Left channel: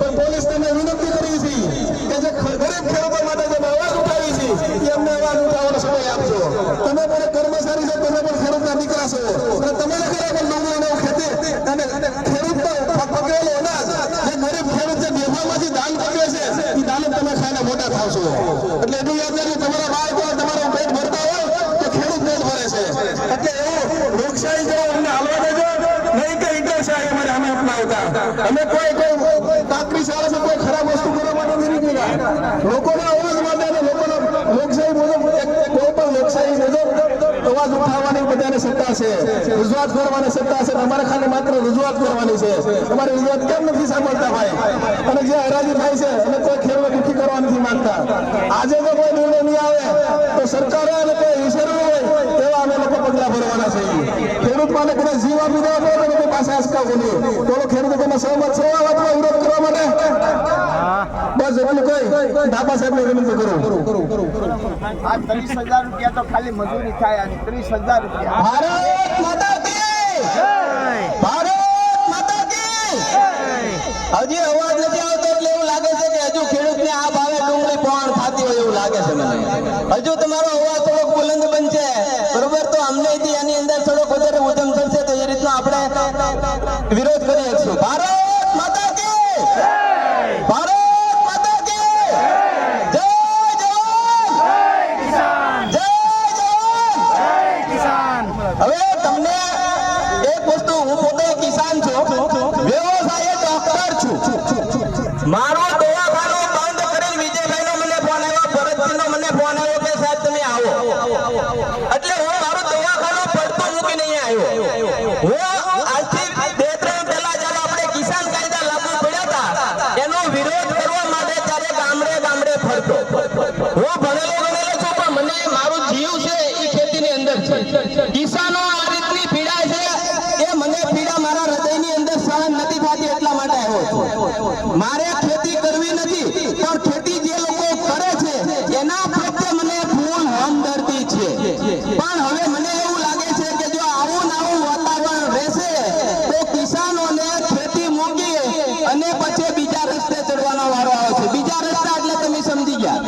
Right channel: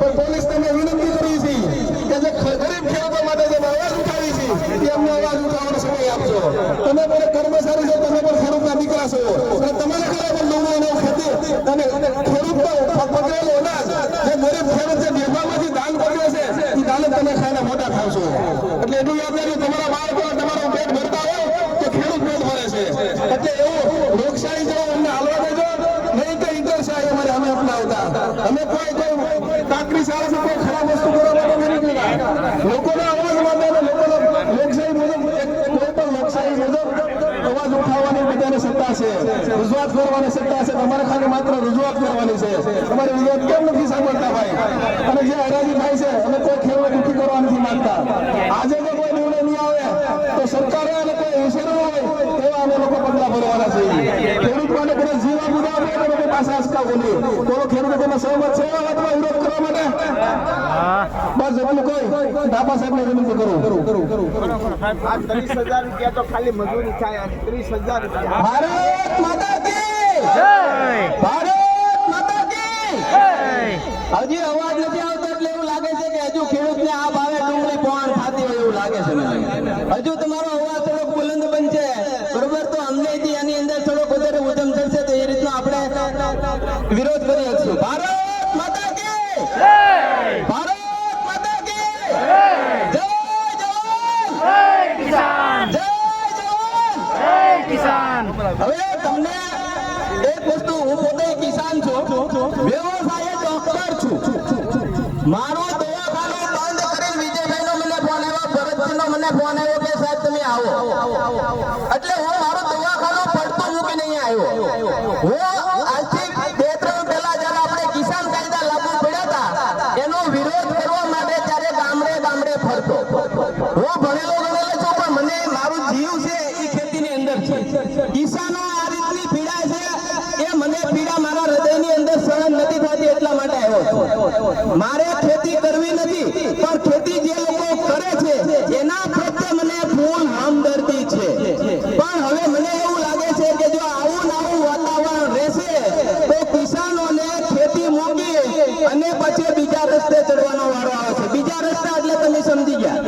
પણ પોલીસ તમે વિનંતી કરી છે કે જે ગરીબ ખેડૂતો માટે જે અવાજ ઉઠાવી છે એ અમને અવાજ ઉઠાવવાનો સમય આપજો. તમે પણ કર્મચારી છો, તમે પણ ખેડૂતના દીકરા છો, અને તમારે ઘરે પણ ડુંગળીનો ખેતી અને ખેડૂતનો પકવેલો અનાજ જે ગરીબ ખેડૂત જે બેભામાંથી દાન કરે છે એ દાન તમે ખાઈને મોટા થાવ છો. એટલે એટલું યાદ રાખજો, તમારા બાળકો તમારું પેટ ભરતા હોય તો ખેડૂત પેટ ભરે છે. એટલે એવું લોકશાહી જેવો અમને હાલવા દેજો નહીં કે ઈટરશાહી અમારે અમે અપનાવતા. અમે કોઈ કાકરી સારા છે, કોઈ ખરાબ વસ્તુ કરવા માટે નથી નીકળ્યા. લોકોના અવાજ માટે અને લોકોના લોકશાહી મુજબ કોઈ પણ લોકશાહી મુજબ અવાજ ઉઠાવવાની બધાને સત્તા છે, રજૂઆત કરવાની સત્તા છે. તમારે ખાલી માત્ર રજૂઆત કરવાની છે. તમારી રજૂઆત કેમ નથી સાંભળતા ભાઈ? અને જે હરાજી થાય છે અને કોઈ ખેડૂત દુઃખી કરવા નથી માંગતા. આજે જો કોઈ નિર્ણય નહીં આવે તો સરકારે અને કોઈ ઈશ્વર હોય તેવા અમે લોકો પગલા ભરવાના છે. ખેડૂત માટે કોઈ જીવ આપી દેવા પડે તો કોઈ પાસે આસકાવો નહીં. તો ખેડૂતો તમે સહમત છો આ વાતમાં વિરોધ કરવા માટે? બસ એટલું કઈ ધાપા સાહેબને વિનંતી કરું. આ 30,000 રૂપિયા તો ખાલી મજૂરી થાય. 30,000 રૂપિયા. ભારત માતા કી જય! ભારત માતા કી જય! હજી અવાજ નથી આવતો એટલે એવું લાગે છે કે હજુ ખેડૂતને આ ભાવે ડુંગળી પોણ થતી હોય એવું લાગે છે મને. હજુ તમારો અવાજ થોડોક બુલંદ બનશે બરોબર, તો અમને એની અંદર થોડોક વધારે ઉધમ થશે તો એ રીતનો આપણે વિરોધ કરી શકશું. ભારત માતા કી જય! ભારત માતા કી જય! જય જવાન! જય કિસાન! હવે તમને એક વસ્તુ, હું પોતે કિસાન છું, વ્યવસાય ડોક્ટર છું. મારું દવાખાનું બંધ કરી વિજયભાઈનો મને ફોન આવ્યો, ભરતજીનો મને ફોન આવ્યો કે સાહેબ તમે આવો. એટલે હું મારું દવાખાનું પડતું મૂકીને અહીંયા આવ્યો. હું આજથી 2-3 પહેલા જ્યારે આપણે કિસાન કાયદા લાગુ પડ્યા હતા એનો વિરોધ કરવા માટે ત્યારે ગામડે ગામડે ફરતો. હું ભણેલો છું પણ મને મારું જીવ છે એ ખેતીની અંદર છે. કિસાનો આ રીતની પીડા છે એ મને પીડા મારા હૃદયની અંદર સહન નથી થતી એટલા માટે આવ્યો છું. મારે ખેતી કરવી નથી પણ ખેતી જે લોકો કરે છે એના પ્રત્યે મને ફૂલ હમદર્દી છે. પણ હવે મને એવું લાગે છે કે જો આવું નવું વાતાવરણ રહેશે તો કિસાનોને ખેતી મૂકી અને પછી બીજા રસ્તે ચડવાનો વારો આવે છે. બીજા રસ્તા એટલે તમે સમજી ગયા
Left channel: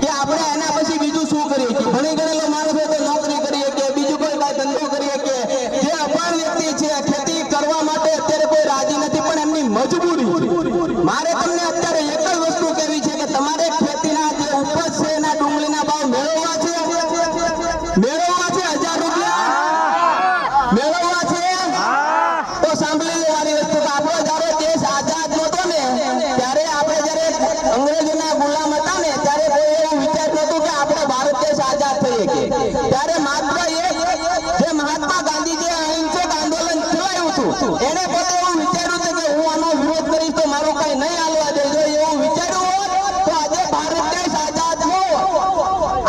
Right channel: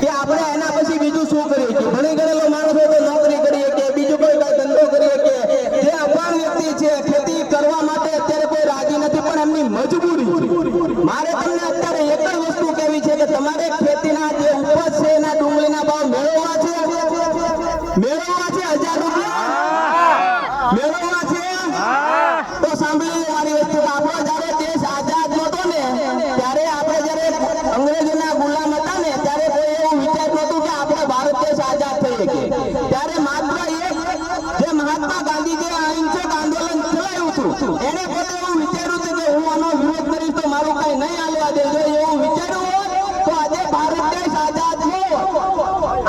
કે આપણે એના પછી બીજું શું કરીએ છીએ. ભણી ગયેલો માણસ હોય તો નોકરી કરીએ કે બીજું કોઈ કઈ ધંધો કરીએ કે જે અભણ વ્યક્તિ છે ખેતી કરવા માટે અત્યારે કોઈ રાજી નથી પણ એમની મજબૂરી છે. મારે તમને અત્યારે એક જ વસ્તુ કહેવી છે કે તમારે ખેતીના જે ઉપજ છે એના ડુંગળીના ભાવ મેળવવા છે 1000 રૂપિયા મેળવવા છે. તો સાંભળી લો મારી વસ્તુ કે આપણો જયારે દેશ આઝાદ નહોતો ને ત્યારે આપણે જયારે અંગ્રેજોના ગુલામ હતા ને ત્યારે કોઈ એવું વિચારતું હતું કે આપણે ભારત દેશ આઝાદ થઈએ કે ત્યારે માત્ર જે મહાત્મા ગાંધીજીએ અહિંસક આંદોલન ચલાવ્યું હતું એને પોતે એવું વિચાર્યું હતું કે હું આનો વિરોધ કરીશ તો મારું કઈ નહીં હાલવા દેજો. એવું વિચાર્યું હોત તો આજે ભારત દેશ આઝાદ ન હોત.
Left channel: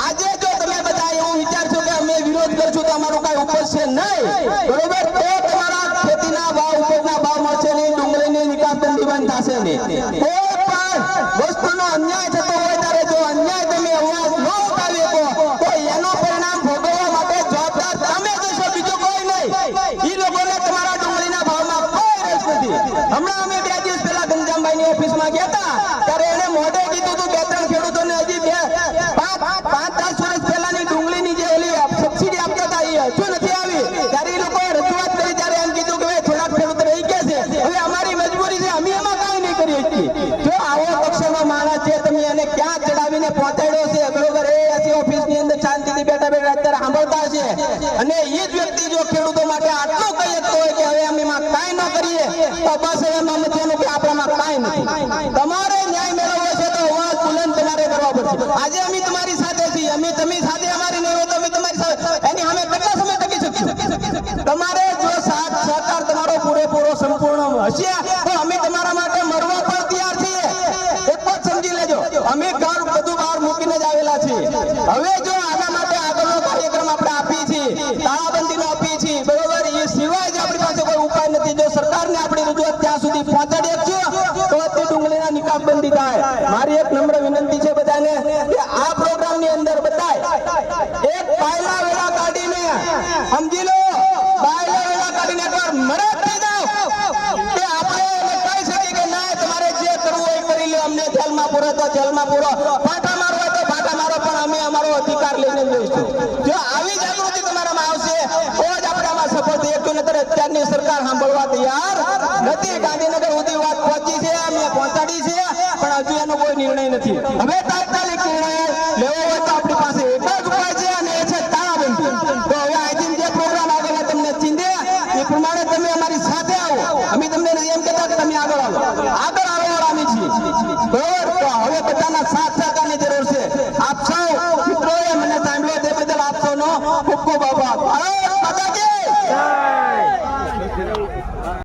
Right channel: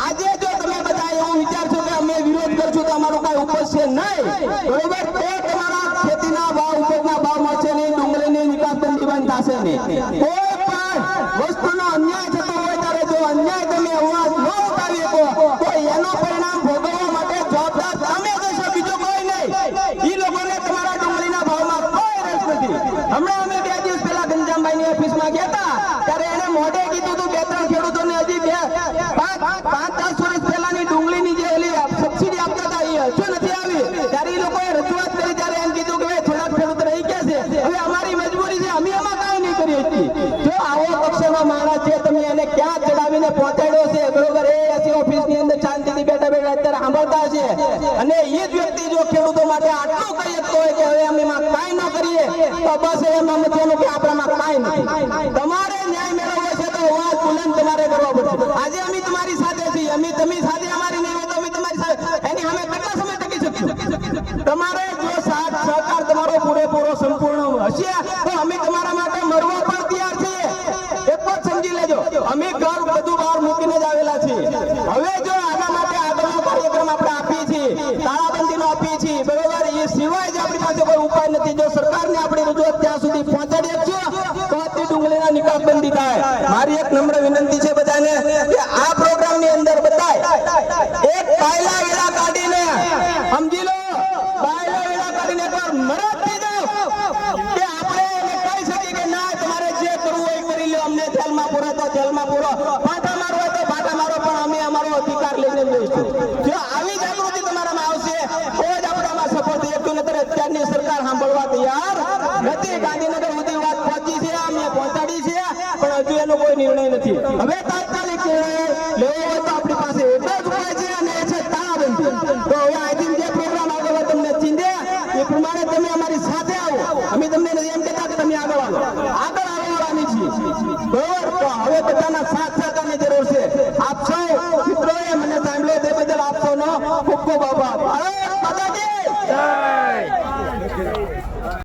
આજે જો તમે બધા એવું વિચારશો કે અમે વિરોધ કરશું તો અમારું કઈ ઉપજશે નહીં બરોબર, તો તમારા ખેતીના ભાવ ઉપજના ભાવ મળશે નહીં, ડુંગળીની નિકાસ બંધ થશે નહીં. કોઈ પણ વસ્તુનો અન્યાય થતો હોય ત્યારે જો અન્યાય તમે અવાજ ન ઉઠાવી શકો તો એનો પરિણામ ભોગવવા માટે જવાબદાર તમે જશો, બીજો કોઈ નહીં. એ લોકોને તમારા ડુંગળીના ભાવમાં કોઈ રસ નથી. હમણાં અમે 2 દિવસ પહેલા ગંજામભાઈની ઓફિસમાં ગયા હતા ત્યારે એને મોઢે કીધું હતું 2-3 ખેડૂતોને હજી 5-10 વર્ષ પહેલાની ડુંગળીની જે ઓલી સબસિડી આપતા હતા એ હજુ નથી આવી. ત્યારે એ લોકોએ રજૂઆત કરી ત્યારે એમ કીધું કે થોડાક ખેડૂત રહી ગયા છે, હવે અમારી મજબૂરી છે, અમે એમાં કાંઈ નહીં કરી શકીએ. જો આવો પક્ષનો માણસ છે તમે એને ક્યાં ચડાવીને પહોંચાડ્યો છે બરોબર, એ એસી ઓફિસની અંદર શાંતિથી બેઠા બેઠા અત્યારે સાંભળતા છે. અને એ જ વ્યક્તિ જો ખેડૂતો માટે આટલું કહી શકતો હોય કે હવે અમે એમાં કાંઈ ન કરીએ તો બસ એમ અમે થયેલું કે આપણામાં કાંઈ નથી. તમારે ન્યાય મેળવવો છે તો અવાજ બુલંદ તમારે કરવા પડશે. આજે અમે તમારી સાથે છીએ, અમે તમે સાથે અમારી નહીં હોય તો અમે તમારી સાથે એની સામે કેટલા સમય ટકી શકીશું. તમારે જો સાથ સહકાર તમારો પૂરેપૂરો સંપૂર્ણ હશે તો અમે તમારા માટે મરવા પણ તૈયાર છીએ. એક વાત સમજી લેજો, અમે ઘર બધું બહાર મૂકીને જ આવેલા છીએ. હવે જો આના માટે આગળનો કાર્યક્રમ આપણે આપીએ છીએ, તાળાબંધીનો આપીએ છીએ બરોબર, એ સિવાય જ આપણી પાસે કોઈ ઉપાય નથી. જો સરકારને આપણી રજૂઆત ત્યાં સુધી પહોંચાડી આપજો તો તે ડુંગળીનો નિકાસ બંધી થાય. મારી એક નમ્ર વિનંતી છે બધાને કે આ પ્રોગ્રામની અંદર બધાય એક કાયલા વેળા કાઢીને સમજી લો, કાયલા વેળા કાઢીને એકવાર મરદ થઈ જાઓ કે આપણે જેલમાં પૂરો તો જેલમાં પૂરો, પાટા મારો હોય તો પાટા મારો, પણ અમે અમારો અધિકાર લઈને જ રહીશું. જો આવી જાગૃતિ તમારામાં આવશે તો જ આપણે આમાં સફળ થઈ શકશું. નહીંતર અત્યારની સરકાર સાંભળવા તૈયાર નથી. ગાંધીનગર સુધી વાત પહોંચી છે, અમે પહોંચાડી છે, પણ હજુ એનો કોઈ નિર્ણય નથી. હવે તાત્કાલિક નિર્ણય લેવો હોય તો આપણી પાસે એક જ ઉપાય છે, અને એ છે તાળાબંધી. તો હવે અહીંથી જે પ્રોગ્રામ આગળ હોય તમને ચીંધે એ પ્રમાણે તમે અમારી સાથે આવો. અમે તમને એમ કહેતા કે તમે આગળ આવો, આગળ આવવાવાળા અમે છીએ. બરોબર? તો હવે બધાના સાથ